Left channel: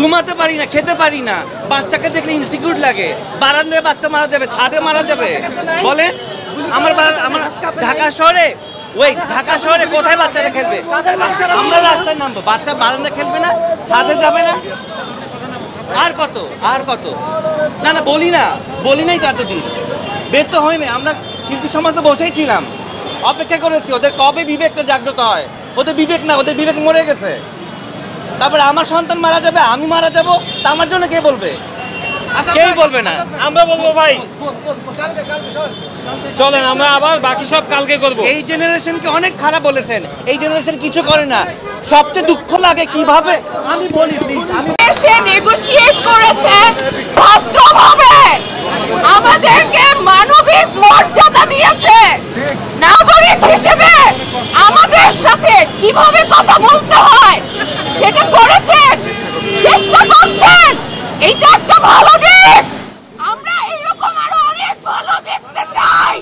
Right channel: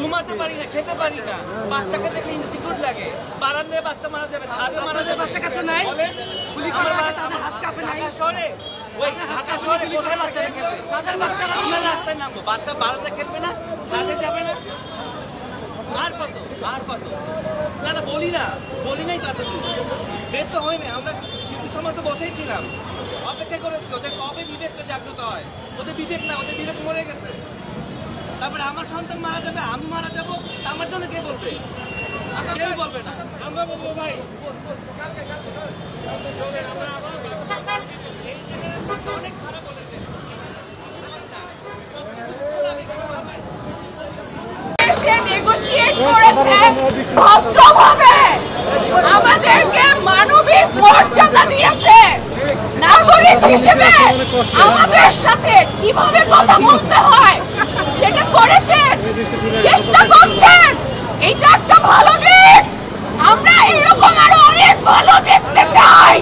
ঘুমাতে পারি না, খেতে পারি না, বাচ্চাকে দেখলে ইনসিকিউর লাগে। বারান্দায় বাচ্চা মারা যাবে, ছাদে মারা যাবে, বলেন? আমার ঢাকা শহরে কোথায় বাচ্চারা খেলবে? আমরা রাস্তায় নামবো, বাচ্চা বারান্দা খেলবে না, ছাদে যাবে না, আর কত না না বলি নাই তো এতদিন বের তো হয়নি। আমরা শিল্পী সমাজ তো বসেই ছিলাম, অপেক্ষা করেছি ওদের কবে বিবেকটা জাগ্রত হয়। ওদের বিবেক না, ওদের বিবেক মরে গেছে। তারপরে আমার সন্তান মারা যাবে, আমি মারা যাবো, তা আমার জন্য কে বলবে? কেউ বলবে না, আমরা বলবো। ভাই চলেন আমরা আবার বাকি সব কালকে করবো। এই জেনারেশনকে অনেক খারাপ বলেছেন, এই জেনারেশন কিছু করে না। সবচেয়ে দুঃখ লাগে কিভাবে, আমি বলি এসে নেগোশিয়েট করেছে ভদ্রভাবে, আমাদেরকে মানবিক মর্যাদা দিয়েছে, নাগরিক হিসেবে আমাদের সাথে কিভাবে কথা বলতে হয় সেটা করেছেন, চেষ্টা করছেন। এটা একটা ভালো দিক, আমরা এরকম আরো অনেক ভালো দেখতে চাই।